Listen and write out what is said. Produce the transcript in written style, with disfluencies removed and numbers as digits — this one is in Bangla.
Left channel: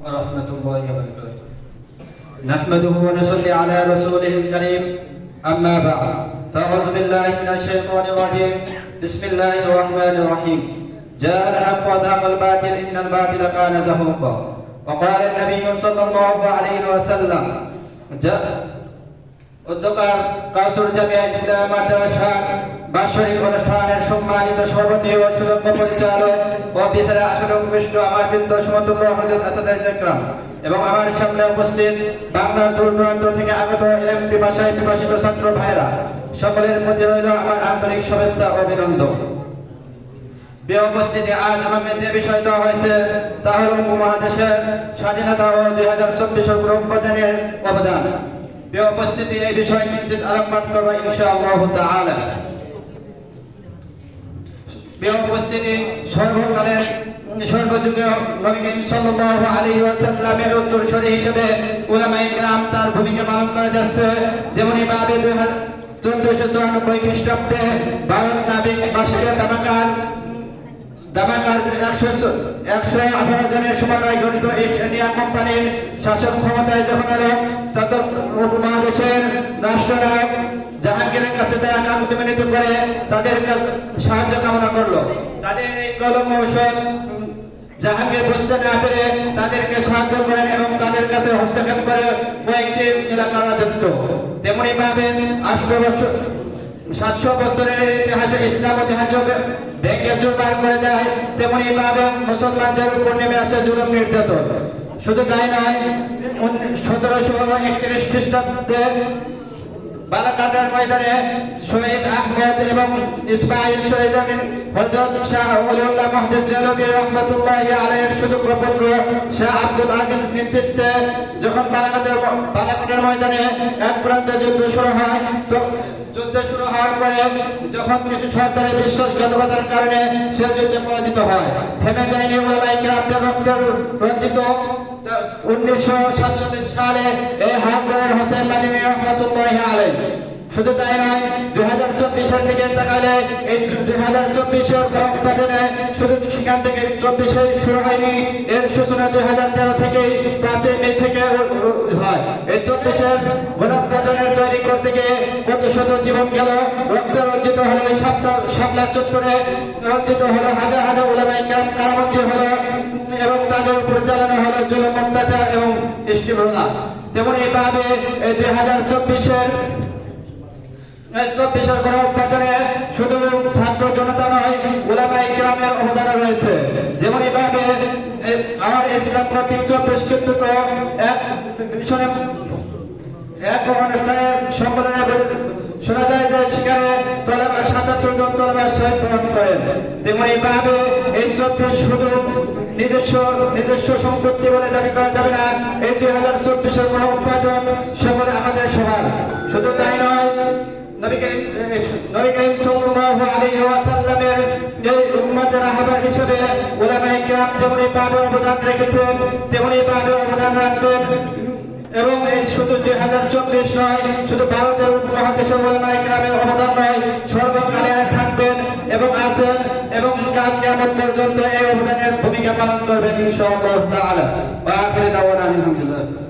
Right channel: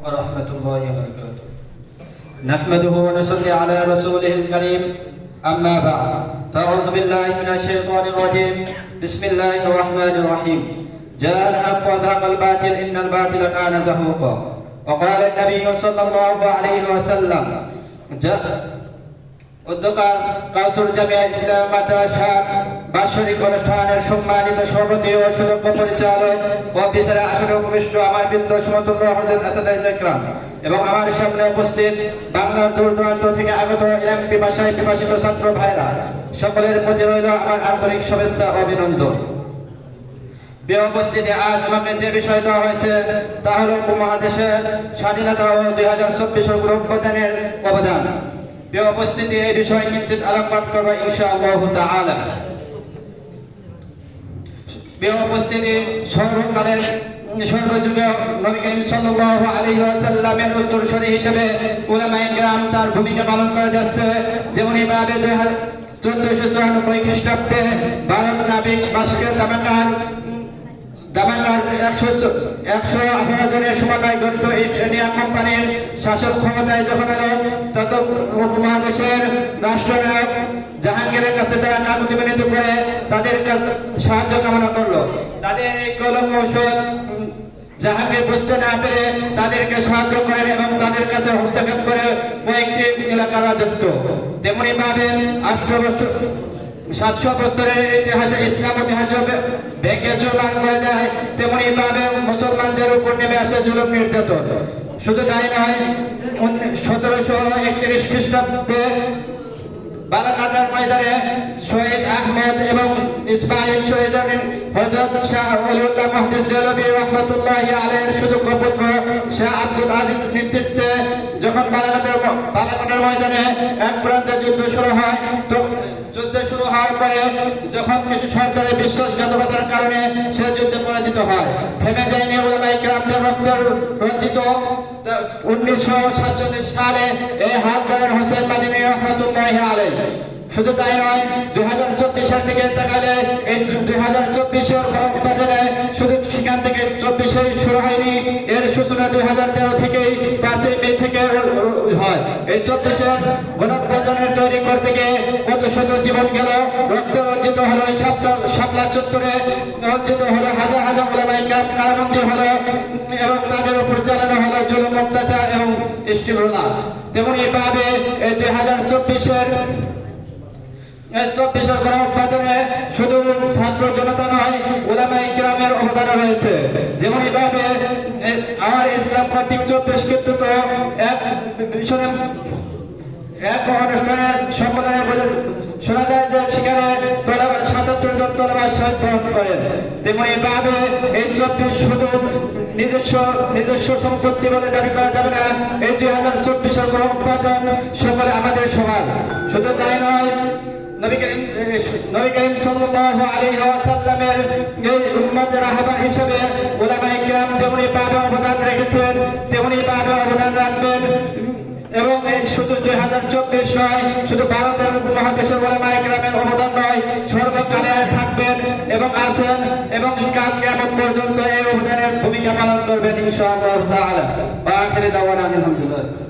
ورحمة الله وبركاته. نحمده ونصلي على رسوله الكريم. أما بعد، فأعوذ بالله من الشيطان الرجيم. بسم الله الرحمن الرحيم. جاء الحق وذهب الباطل إن الباطل كان زهوقا. وقال النبي صلى الله عليه وسلم উদ্যোক্তার কাসুর জামিয়া ইসলামী মাদ্রাসা বার্ষিক অনুষ্ঠানের সম্মানিত সভাপতি ও সুযোগ্য পরিচালক ও বিচারে আসনে উপবিষ্ট আমার বৃন্দ সমতুল্য হযরত আসাদায়ে ইকরাম এবং আমার সামনে উপস্থিত বাংলার দূর দূরান্ত থেকে আগত ইলম পিপাসায় পিপাসিত ছাত্র ভাইরা, সকলের প্রতি রইল আমার আন্তরিক শুভেচ্ছা ও অভিনন্দন। প্রিয় উপস্থিতি, আজ আমাকে যে বিষয় দেওয়া হয়েছে তা হল উপমহাদেশের স্বাধীনতা ও 2024 অভ্যুত্থানের অবদান। প্রিয় উপস্থিতি, এই বিষয়ে কিঞ্চিত আলোকপাত করব ইনশাআল্লাহ তাআলা। প্রিয় উপস্থিতি, সর্বকালের সর্বযুগে নবী করিম সাল্লাল্লাহু আলাইহি ওয়াসাল্লামের উত্তরসূরি হিসেবে উলামায়ে কেরাম তার ভূমিকা পালন করে যাচ্ছে। যেমনি ভাবে 1494 খ্রিস্টাব্দে ভারত নাবিক বাস্কের দামাকার 118 জনের সমন্বয়ে গঠিত ইস্ট ইন্ডিয়া কোম্পানির শাসক ক্ষমতায় যখন এলো, তখন উপমহাদেশের রাষ্ট্রনায়ক জাহাঙ্গীরের কাছে তারা কাকুতি মিনতি করে তাদের কাছে সাহায্য কামনা করলো। তাদের এই কৌশল জাহাঙ্গীর বুঝতে না পেরে তাদেরকে সাহায্য করেন এবং তাদের কাছে হস্তক্ষেপ করে কয়েকটি এলাকার রাজত্ব। তেমনি ভাবে 700 বছরের ইতিহাসে ইসলাম ঐতিহ্য ভেঙে চুরমার করে দেয়। তেমনি ভাবে মুসলমানদের উপর নেমে আসে জুলুম নির্যাতন। শুধু তাই নয়, 1731 খ্রিস্টাব্দে বালাকাটার ময়দানে শহীদ আহমদ এবং ইসমাইল শহীদের হযরত শাহ ওলিউল্লাহ মুহাদ্দিস দেহলভী রাহমাতুল্লাহি আলাইহির সুযোগ্য পুত্র শাহ আব্দুল আজিজ নেতৃত্বে যখন বালাকাটার ময়দানে এক প্রান্তে যুদ্ধ শুরু হওয়ার পরে যখন কিছু সরকারের বিশ্বাসঘাতকতার কারণে সে যুদ্ধে পরাজিত হয়, থেমে যায়নি উলামায়ে কেরাম রক্তের রঞ্জিত 1947 সালে এই হাত ধরেন হোসেন মাদানী রাহমাতুল্লাহি আলাইহি। শুধু তাই নয়, 2024 সাল থেকে তাকালে এই 2024-এর গণঅভ্যুত্থানে শুধু সেখান থেকে 24-এ শুরু হয়নি, এর সূচনা 2013 থেকে 5 মে থেকে হয়। এই 24-এর গণঅভ্যুত্থানের তৈরি করতে গিয়ে কত শত জীবন গেল, রক্তে রঞ্জিত হলো এই শাপলা চত্বরে, রঞ্জিত হলো হাজার হাজার উলামায়ে কেরাম কারাবন্দী হলো এবং তাদের উপর চালানো হলো জুলুম অত্যাচার এবং দৃষ্টিভঙ্গি। তেমনি ভাবে এই 2024-এর গণঅভ্যুত্থানে শুধু ছাত্র জনতা নয়, উলামায়ে কেরামের অবদান রয়েছে। যেমনি ভাবে আমার ইসলাম কর্তৃক 24 কৃতিত্ব এক অনুষ্ঠানে সম্বোধনে বলে শোনা যায় যে সেখানে 77 জন তলবা শহীদ বরণ করেন। তেমনি ভাবে এই 24 শুধু নিজস্ব সম্পত্তি বলে দাবি করা যাবে না। এই 2024-এর গণঅভ্যুত্থান সকলে আমাদের সবার। শুধু তাই নয়, নবী করিম সাল্লাল্লাহু আলাইহি ওয়াসাল্লামের এই উম্মতের রাহবার হিসেবে উলামায়ে কেরাম যেমনি ভাবে অবদান রেখেছেন তেমনি ভাবে অবদান রাখবেন। এবং শুধু 2024 নয়, শুধু ভারতের উপমহাদেশের উলামায়ে কেরামের অবদান নয়, সর্বকালে থাকবেন এবং আছেন এবং কাল কিয়ামত পর্যন্ত এই অবদানের ভূমিকা পালন করবেন ইনশাআল্লাহ তাআলা। ওয়া আখিরু দাওয়ানা আলহামদুলিল্লাহ।